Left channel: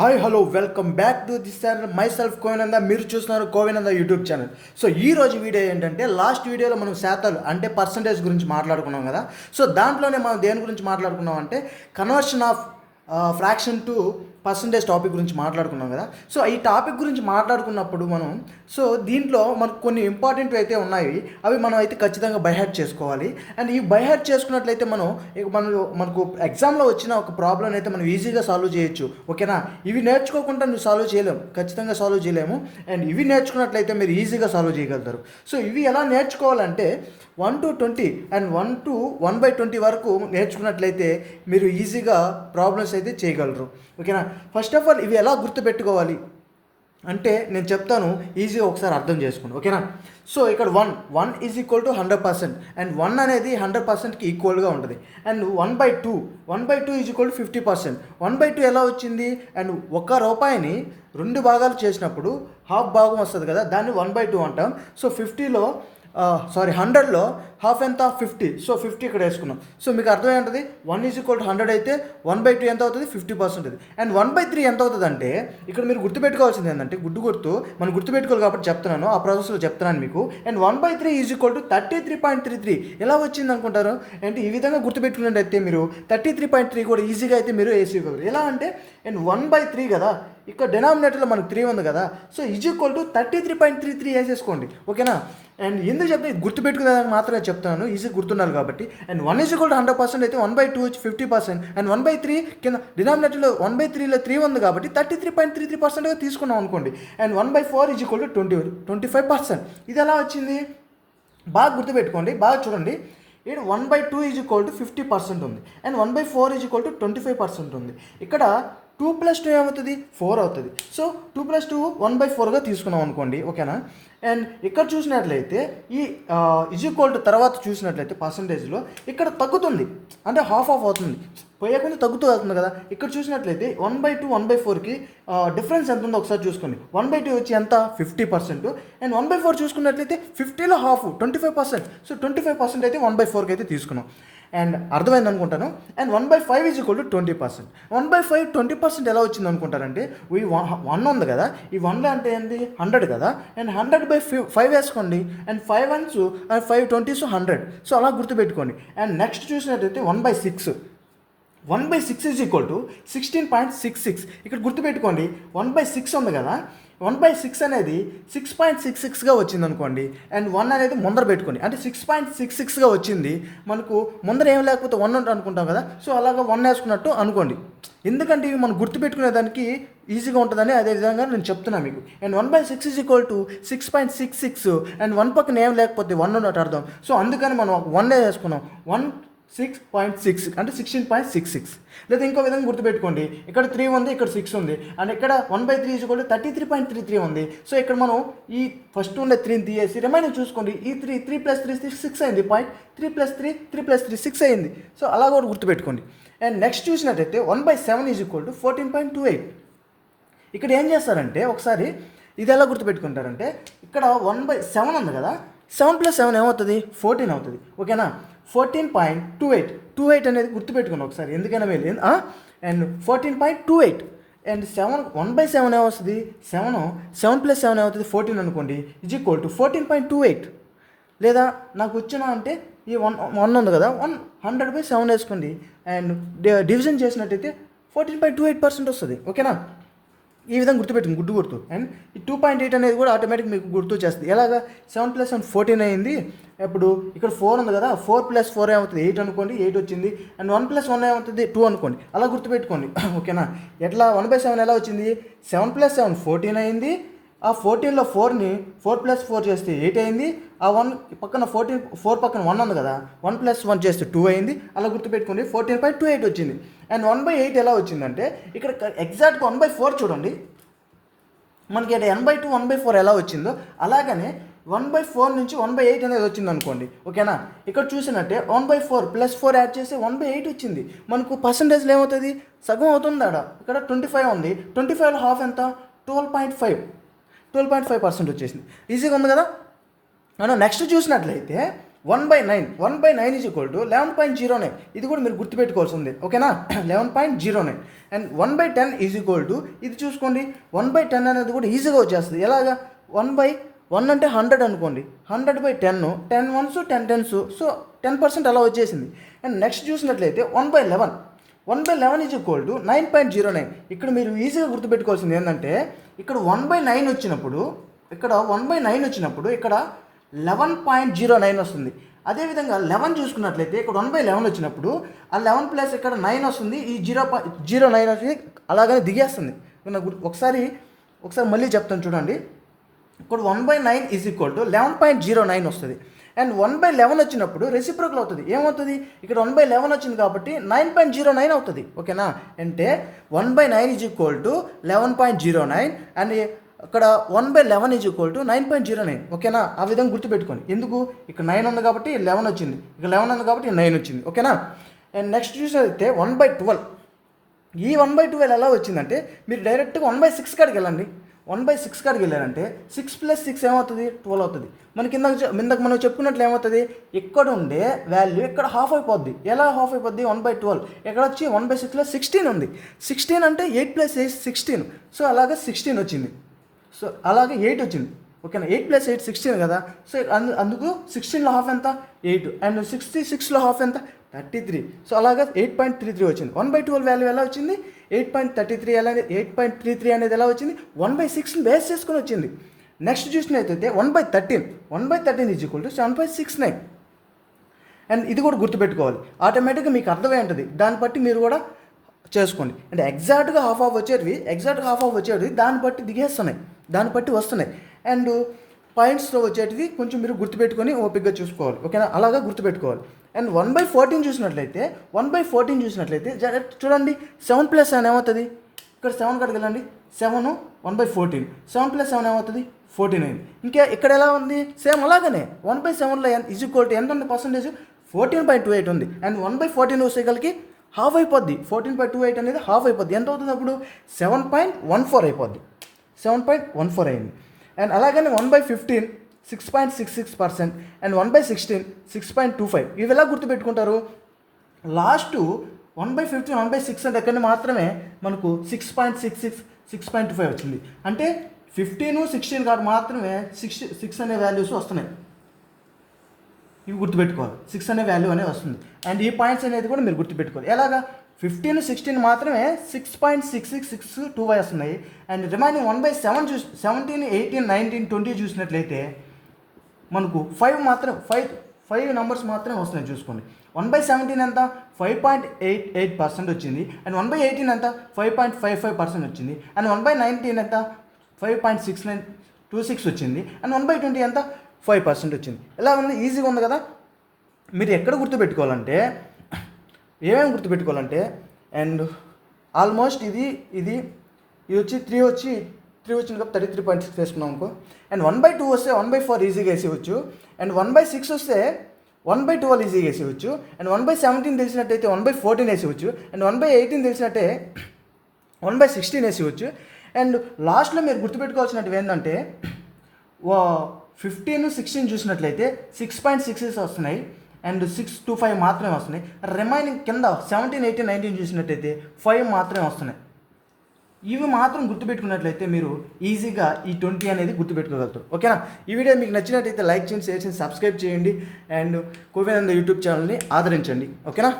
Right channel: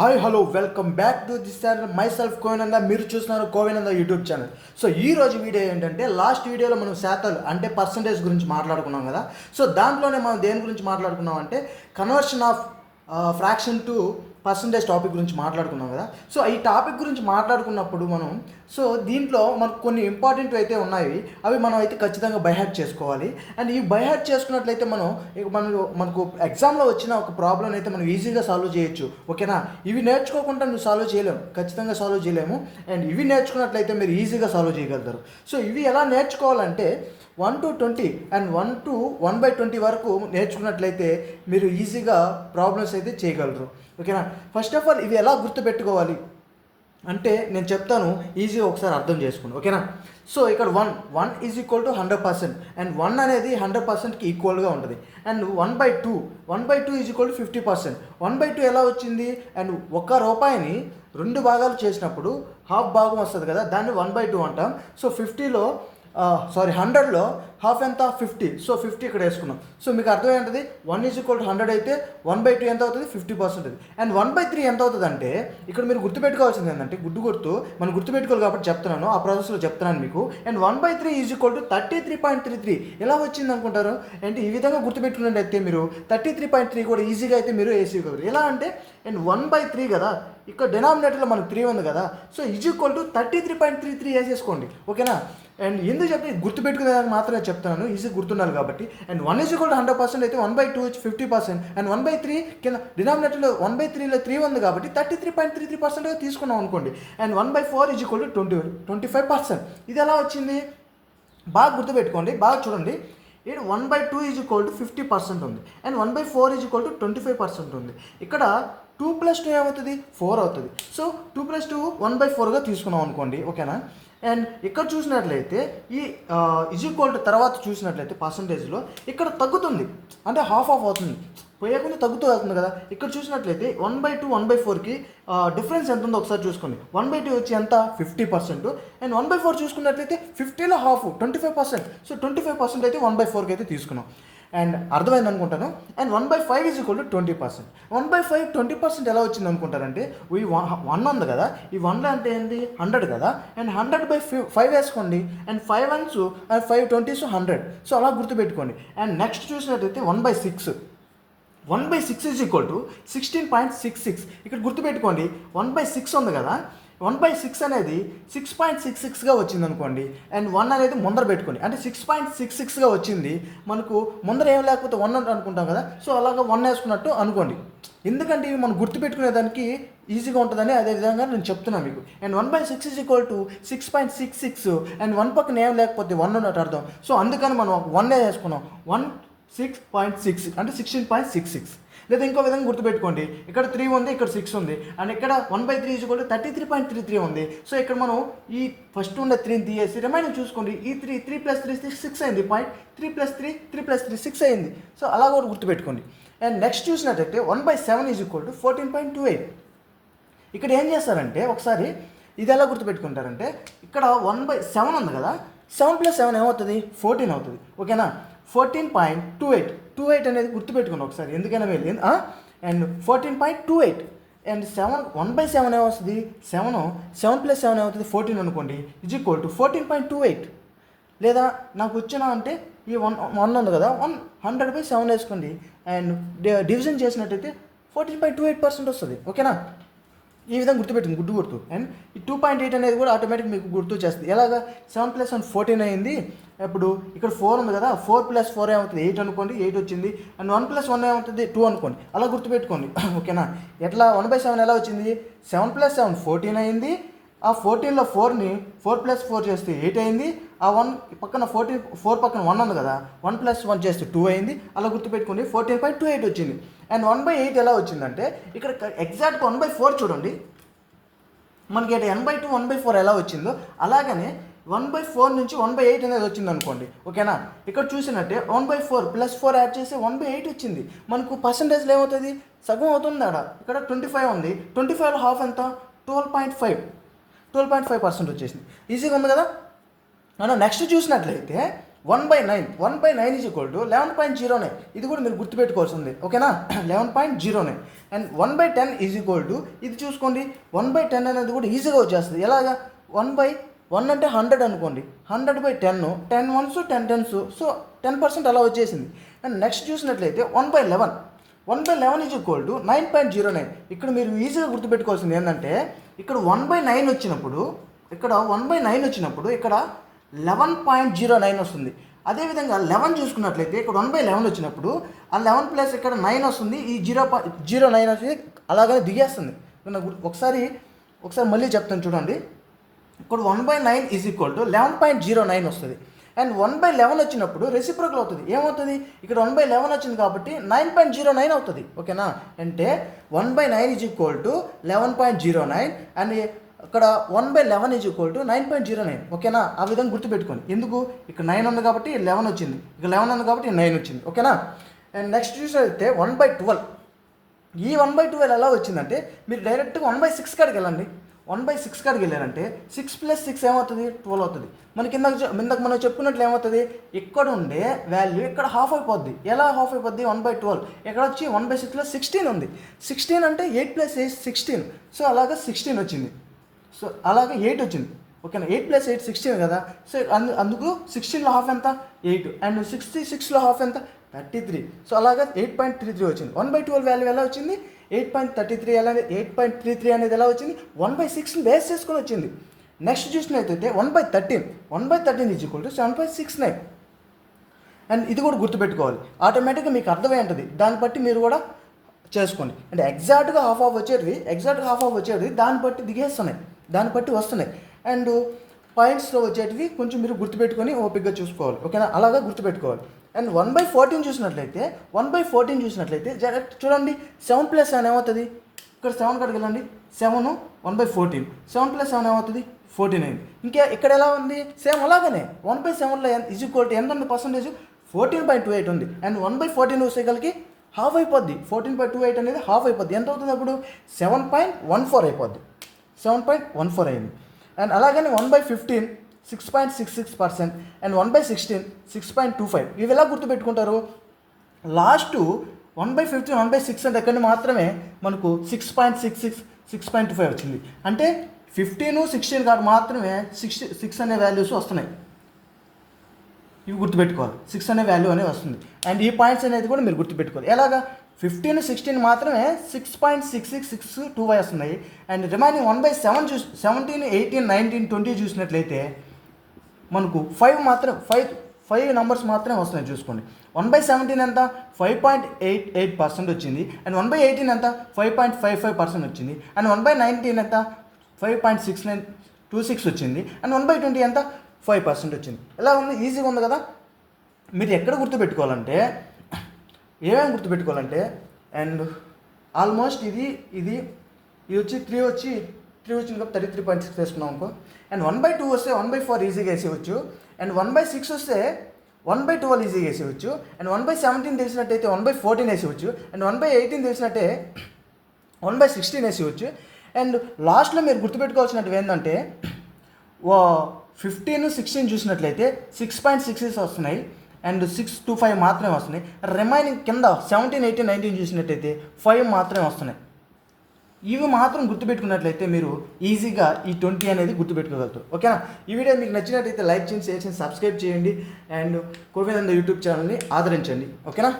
Hi hello welcome back to this channel myself Kovinanda. మీరు చూస్తున్నారు కోవినంద YouTube channel. So ఈ రోజు వీడియో ఏంటంటే, లాస్ట్ వీడియోలో మనం శాతాలు అంటే పర్సంటేజ్ గురించి మాట్లాడుకున్నాం కదా. సో దాంట్లోనే మనం దేని గురించి మాట్లాడుకున్నాం అంటే conversion of fraction to percentage topic గురించి మాట్లాడుకున్నాం కదా. సో ఈ టాపిక్ గురించి మాట్లాడుకున్నప్పుడు మనం దీంట్లో మనకు కొన్ని ఇంపార్టెంట్ అయితే ఉన్నాయి, అవి మనం అయితే ఖచ్చితంగా బైహార్ట్ చేసుకోవాలి. అండ్ ఈ బైహార్ట్ చేసుకున్నట్లయితే మనకు ఎగ్జామ్లో వచ్చిన ఒక ప్రాబ్లం అయితే మనం ఈజీగా సాల్వ్ చేయొచ్చు. ఓకేనా? ఇవి నేర్చుకోకుండా నువ్వు సాల్వ్ చేయలేము, ఖచ్చితంగా సాల్వ్ చేయలేము. అండ్ ఇవి నేర్చుకున్నట్లయితే మీరు ఈజీగా సాల్వ్ చేయగలుగుతారు. సో ఇవి ఎలా నేర్చుకోవాలంటే 1 to 20 అండ్ 1 to 1/20 వరకు నేర్చుకున్నట్లయితే మీరు ఈజీగా ప్రాబ్లమ్స్ అయితే చేయగలరు. ఓకేనా? ఫస్ట్ ఆఫ్ ఆల్ ఇవి ఎలా గుర్తుపెట్టుకోవాలి అంటే నేను చెప్తాను, ఈజీగా ఒకసారి అర్థం చేసుకోండి. ఓకేనా? సో ఇక్కడ 1 ఈజ్ ఈక్వల్ టు 100%. అండ్ 1 అనేది 100%కి ఈక్వల్గా ఉంటుంది. And 1/2 is equal to 50%. 1/2 ఎలా వచ్చింది? అండ్ ₹1 2 భాగాలు చేసినప్పుడు హాఫ్ భాగం వస్తుంది కదా, దాన్ని 1/2 అంటాం. సో 100లో హాఫ్ ఎంత? 50. సో 50 ఇక్కడ వేసుకున్నాం. సో మీకు అర్థమేంటది? 1 ఈజ్ ఈక్వల్ టు 100 అయితే 1/2 ఎంత అవుతుంది? 50% అది. అండ్ 1/3 ఎంత అవుతుంది అంటే, ఇక్కడ మీరు గుర్తుపెట్టుకోవాల్సింది ఏంటంటే, గుర్తు మనం గుర్తుపెట్టుకోవాలి కాబట్టి చెప్తున్నాను, ఆ ప్రాసెస్లో చెప్తున్నాను మీకు. అండ్ 1/3 ఈజ్ ఈక్వల్ టు 33.33 ఎలా వచ్చింది అనుకుంటారు? అంటే ఈ విధంగా గుర్తుపెట్టుకున్నట్టయితే మీరు 33.3 కూడా ఈజీగా అయితే మీరు వేసుకోగలరు. ఎలా అంటే, అండ్ 1/3 కదా, ఇక్కడ డినామినేటర్లో మనకు 3 ఉంది కదా, సో ఈజ్ ఈక్వల్ టు 33.33 వేసేసుకోండి. ఓకేనా? అండ్ ఎందుకు చెప్పి గుర్తుపెట్టుకునేదానికి మాత్రమే చెప్తున్నాను, ఈజీ గుర్తున్నారు కాబట్టి. అండ్ 1 ఈజ్ ఈక్వల్ టు 100% అయితే 1/2 వచ్చి 50%. అండ్ 1/3 కింద డినామినేటర్లో 1/3లో 3 ఉంది కాబట్టి 33.33%గా తీసుకున్నాం అనుకోండి. And 1/4 is equal to 25%. ఇది ఎలా వచ్చింది? బాగా గుర్తుపెట్టుకోండి, బాగా చూడండి. ఇక్కడ 1/2 ఈజ్ ఈక్వల్ టు 50% ఉంది. అండ్ 1/4 ఈజ్ ఈక్వల్ టు 25% ఉంది. ఇక్కడ 2 + 2 ఏమవుతుంది? 4 అవుతుంది. సో 2 + 2 1/4గా తీసుకున్నాం అనుకోండి. ఓకేనా? అండ్ ఇక్కడ చూసినట్లయితే ఈ ఈజ్ ఈక్వల్ టు తర్వాత చూసినట్లయితే పర్సంటేజ్లో ఇక్కడ తగ్గుతుంది, అంటే హాఫ్ అవుతుంది, పోయేకుండా తగ్గుతూ అవుతుంది కదా. ఇక్కడ చూసినట్లయితే 1/2 1/4కి డిఫరెన్స్ ఎంత ఉందో ఒకసారి చూసుకోండి. 1/2 వచ్చి ఎంత? 50%. అండ్ 1/4 చూసుకున్నట్లయితే 50లో హాఫ్ 25%. సో 25% అయితే 1/4కి అయితే తీసుకున్నాం. అండ్ అర్థమైంది అనుకుంటాను. And 1/5 is equal to 20%. 1/5 20% ఎలా వచ్చింది అనుకుంటారంటే, ఈ 1 ఉంది కదా, ఈ 1లో అంటే ఏంటి? 100 కదా. అండ్ 100/5 వేసుకోండి. And 5 1s and 5 20s 100. So అలా గుర్తుపెట్టుకోండి. అండ్ నెక్స్ట్ చూసినట్టయితే 1/6. 1/6 ఈజ్ ఈక్వల్ టు 16.66. ఇక్కడ గుర్తుపెట్టుకోండి, 1/6 ఉంది కదా, 1/6 అనేది 6.66గా వచ్చింది అనుకోండి. అండ్ 1 అనేది ముందర పెట్టుకోండి, అంటే 6.66గా వచ్చింది. మనకు ముందర ఏం లేకపోతే 1 అనుకుంటాం కదా, సో అలాగా 1 వేసుకున్నట్టు అనుకోండి. ఎందుకంటే ఇవి మనం గుర్తుపెట్టుకునే దానికి ఈజీగా ఉంటుందని అదే విధంగా నేను చెప్తున్నాను మీకు. And 1/6 is equal to 6.66. And 1 పక్కన ఏం లేకపోతే 1 ఉన్నట్టు అర్థం. సో అందుకని మనం 1 వేసుకున్నాం. 6.6 అంటే 16.66. లేదా ఇంకో విధంగా గుర్తుపెట్టుకోండి, ఇక్కడ 3 ఉంది, ఇక్కడ 6 ఉంది. అండ్ ఇక్కడ 1/3 ఈజ్ ఈక్వల్ టు 33.33 ఉంది. సో ఇక్కడ మనం ఈ ఫస్ట్ ఉండే 3ని తీసేసి రిమైనింగ్ చూసుకోండి. ఈ 3 + 3 6 అయింది. 3 + 3 6 అయింది. సో అలా కూడా గుర్తుపెట్టుకోండి. అండ్ నెక్స్ట్ చూసినట్టయితే 1/7 ఈజ్ ఈక్వల్ టు 14.28. ఇక్కడ ఏం చేస్తారంటే, ఒకసారి ఇది ఎలా గుర్తుపెట్టుకుంటారంటే, ఇక్కడ 1/7 ఉంది కదా, 7 + 7 ఏమవుతుంది? 14 అవుతుంది. ఓకేనా? 14.28 అనేది గుర్తుపెట్టుకోండి ఒకసారి, ఎందుకైనా వెళ్ళి. అండ్ 14.28 అండ్ 1/7 ఏమొస్తుంది? 7 + 7 ఏమవుతుంది? 14 అనుకోండి, ఈజ్ ఈక్వల్ టు 14.28. లేదా నాకు వచ్చిన అంటే ఈ 1 ఉంది కదా, 100/7 వేసుకోండి. అండ్ డివిజన్ చేసినట్టయితే 14.28% వస్తుంది. ఓకేనా? ఈ విధంగా గుర్తుపెట్టింది, గుర్తు. అండ్ ఈ 2.8 అనేది కూడా ఆటోమేటిక్ మీకు గుర్తు చేస్తుంది. ఎలాగా? 7 + 7 14 అయింది. ఇప్పుడు ఇక్కడ 4 ఉంది కదా, 4 + 4 ఏమవుతుంది? 8 అనుకోండి, 8 వచ్చింది. అండ్ 1 + 1 ఏమవుతుంది? 2 అనుకోండి. అలా గుర్తుపెట్టుకోండి. ఓకేనా? ఎట్లా 1/7 ఎలా వచ్చింది? 7 + 7 14 అయింది. ఆ 14లో 4ని 4 + 4 చేస్తే 8 అయింది. ఆ 1 పక్కన 4 పక్కన 1 ఉంది కదా, 1 + 1 చేస్తే 2 అయింది. అలా గుర్తుపెట్టుకోండి. 14.28 వచ్చింది. అండ్ 1/8 ఎలా వచ్చిందంటే, ఇక్కడ ఎగ్జాక్ట్గా 1/4 చూడండి, మనకి ఇక్కడ n/2 1/4 ఎలా వచ్చిందో అలాగనే 1/4 నుంచి 1/8 అనేది వచ్చింది అనుకోండి. ఓకేనా? ఇక్కడ చూసినట్టే 1/4 + 4 యాడ్ చేస్తే 1/8 వచ్చింది. మనకు పర్సంటేజ్లో ఏమవుతుంది? సగం అవుతుంది. ఇక్కడ 25 ఉంది, 25లో హాఫ్ ఎంత? 12.5% వచ్చేసింది. ఈజీగా ఉంది కదా. మనం నెక్స్ట్ చూసినట్లయితే 1/9 ఈజ్ ఈక్వల్ టు 11.09. ఇది కూడా మీరు గుర్తుపెట్టుకోవాల్సింది. ఓకేనా? 11.09. అండ్ 1/10 ఈజ్ ఈక్వల్ టు ఇది చూసుకోండి 1/10 అనేది కూడా ఈజీగా వచ్చేస్తుంది. ఎలాగా 1/1 అంటే 100 అనుకోండి, 100/10 10 1s 10 10s, సో 10% అలా వచ్చేసింది. అండ్ నెక్స్ట్ చూసినట్లయితే 1/11 ఈజ్ ఈక్వల్ టు 9.09. ఇక్కడ మీరు ఈజీగా గుర్తుపెట్టుకోవాల్సింది ఏంటంటే ఇక్కడ 1/9 వచ్చినప్పుడు ఇక్కడ 11.09 వస్తుంది. అదేవిధంగా 11 చూసుకున్నట్లయితే ఇక్కడ 1/11 వచ్చినప్పుడు ఆ 11 ప్లస్ ఇక్కడ 9 వస్తుంది, ఈ 0.09 వచ్చి అలాగనే దిగేస్తుంది. ఒకసారి మళ్ళీ చెప్తాను చూడండి. ఇక్కడ 1/9 ఈజ్ ఈక్వల్ టు 11.09 వస్తుంది. అండ్ 1/11 వచ్చినప్పుడు రెసిప్రోకల్ అవుతుంది. ఏమవుతుంది, ఇక్కడ 1/11 వచ్చింది కాబట్టి 9.09 అవుతుంది. ఓకేనా, అంటే 1/9 ఈజ్ ఈక్వల్ టు 11.09 అండ్ ఇక్కడ 1/11 ఈజ్ ఈక్వల్ టు 9.09. ఓకేనా, ఆ విధంగా గుర్తుపెట్టుకోండి. ఎందుకు, ఇక్కడ 9 ఉంది కాబట్టి 11 వచ్చింది, ఇక్కడ 11 ఉంది కాబట్టి 9 వచ్చింది. ఓకేనా, అండ్ నెక్స్ట్ చూసినట్లయితే 1/12. ఈ 1/12 ఎలా వచ్చిందంటే మీరు డైరెక్ట్గా 1/6 కాడికి వెళ్ళండి. 1/6 కాడికి వెళ్ళారంటే 6 + 6 ఏమవుతుంది, 12 అవుతుంది. మనకి ఇందాక మనం చెప్పుకున్నట్లు ఏమవుతుంది, ఇక్కడ ఉండే వాల్యూ ఇక్కడ హాఫ్ అయిపోద్ది. ఎలా హాఫ్ అయిపోద్ది, 1/12 ఇక్కడ వచ్చి 1/6లో 16 ఉంది. 16 అంటే 8 + 8 16, సో అలాగే 16 వచ్చింది. సో అలాగే 8 వచ్చింది. ఓకేనా, 8 + 8 16 కదా. సో అందుకు 16లో హాఫ్ ఎంత, 8 అండ్ 66లో హాఫ్ ఎంత, 33. సో అలాగే 8.33 వచ్చింది. 1/12 వాల్యూ ఎలా వచ్చింది, 8.33 అనేది ఎలా వచ్చింది, 1/6 బేస్ చేసుకొని వచ్చింది. నెక్స్ట్ చూసినట్లయితే 1/13 ఈజ్ ఈక్వల్ టు 7.69. అండ్ ఇది కూడా గుర్తుపెట్టుకోవాలి, ఆటోమేటిక్గా మీకు అర్థమై ఉంటుంది. దాన్ని బట్టి మీరు కూడా చేసుకోండి. అంటే ఎగ్జాక్ట్గా హాఫ్ వచ్చేటివి దాన్ని బట్టి దిగేస్తున్నాయి, దాన్ని బట్టి వస్తున్నాయి. అండ్ పాయింట్స్లో వచ్చేటివి కొంచెం మీరు గుర్తుపెట్టుకొని ఓపికగా చూసుకోవాలి. ఓకేనా, అలాగా గుర్తుపెట్టుకోవాలి. అండ్ 1/14 చూసినట్లయితే డైరెక్ట్ చూడండి, 7 + 7 ఏమవుతుంది, ఇక్కడ 7 కాడికి వెళ్ళండి, 7 1/14, 7 + 7 ఏమవుతుంది, 14 అయింది. ఇంకా ఇక్కడ ఎలా ఉంది, సేమ్ అలాగనే 1/7లో ఈజ్ ఈక్వల్ టు ఎంత ఉంది పర్సంటేజ్, 14.28 ఉంది. అండ్ 1/14 వచ్చేసరికి హాఫ్ అయిపోద్ది, 14.28 అనేది హాఫ్ అయిపోద్ది. ఎంత అవుతుంది అప్పుడు, 7.14 అయిపోద్ది, 7.14 అయింది. అండ్ అలాగనే 1/15 6.66% అండ్ 1/16 6.25. ఇవి ఎలా గుర్తుపెట్టుకుంటారు, లాస్ట్ 1/15 1/6 అంటే ఎక్కడ మాత్రమే మనకు 6.66 6.25 వచ్చింది. అంటే 15 16 కాదు మాత్రమే 6 అనే వాల్యూస్ వస్తున్నాయి. ఇవి గుర్తుపెట్టుకోవాలి, 6 అనే వాల్యూ అనేది వస్తుంది. అండ్ ఈ పాయింట్స్ అనేది కూడా మీరు గుర్తుపెట్టుకోవాలి. ఎలాగా, 15 16 మాత్రమే 6.6662 వస్తున్నాయి. అండ్ రిమైనింగ్ 1/7 17 18 19 20 చూసినట్లయితే మనకు 5 నెంబర్స్ మాత్రమే వస్తున్నాయి. చూసుకోండి, 1/17 ఎంత, 5.88% వచ్చింది. అండ్ 1/18 ఎంత, 5.55% వచ్చింది. అండ్ 1/19 ఎంత, 5.6926 వచ్చింది. అండ్ 1/20 ఎంత, 5% వచ్చింది. ఎలా ఉంది, ఈజీగా ఉంది కదా. మీరు ఎక్కడ గుర్తుపెట్టుకోవాలంటే, ఏమేమి గుర్తుపెట్టుకోవాలంటే, అండ్ ఆల్మోస్ట్ ఇది వచ్చి 3 వచ్చింది కాబట్టి 33.6 వేసుకున్నాం అనుకో. అండ్ 1/2 వస్తే 1/4 ఈజీగా వేసేయచ్చు. అండ్ 1/6 వస్తే 1/12 ఈజీగా వేసేయచ్చు. అండ్ 1/17 తెలిసినట్టయితే 1/14 వేసేయచ్చు. అండ్ 1/18 తెలిసినట్టే 1/16 వేసేయచ్చు. అండ్ లాస్ట్లో మీరు గుర్తుపెట్టుకోవాల్సినట్టు ఏంటంటే 15 16 చూసినట్లయితే 6.66 వస్తున్నాయి అండ్ 625 మాత్రమే వస్తున్నాయి. రిమైనింగ్ కింద 17 18 19 చూసినట్లయితే 5 మాత్రమే వస్తున్నాయి. ఇవి మాత్రం గుర్తుపెట్టుకున్నట్లయితే మీరు ఈజీగా ఈ 20 అనేది గుర్తుపెట్టుకోగలుగుతారు. ఓకేనా, ఈ వీడియో మీకు నచ్చినట్లయితే లైక్ చేయండి, షేర్ చేయండి, సబ్స్క్రైబ్ చేయండి అండ్ కోవినంద యూట్యూబ్ ఛానల్ని ఆదరించండి. ఓకేనా.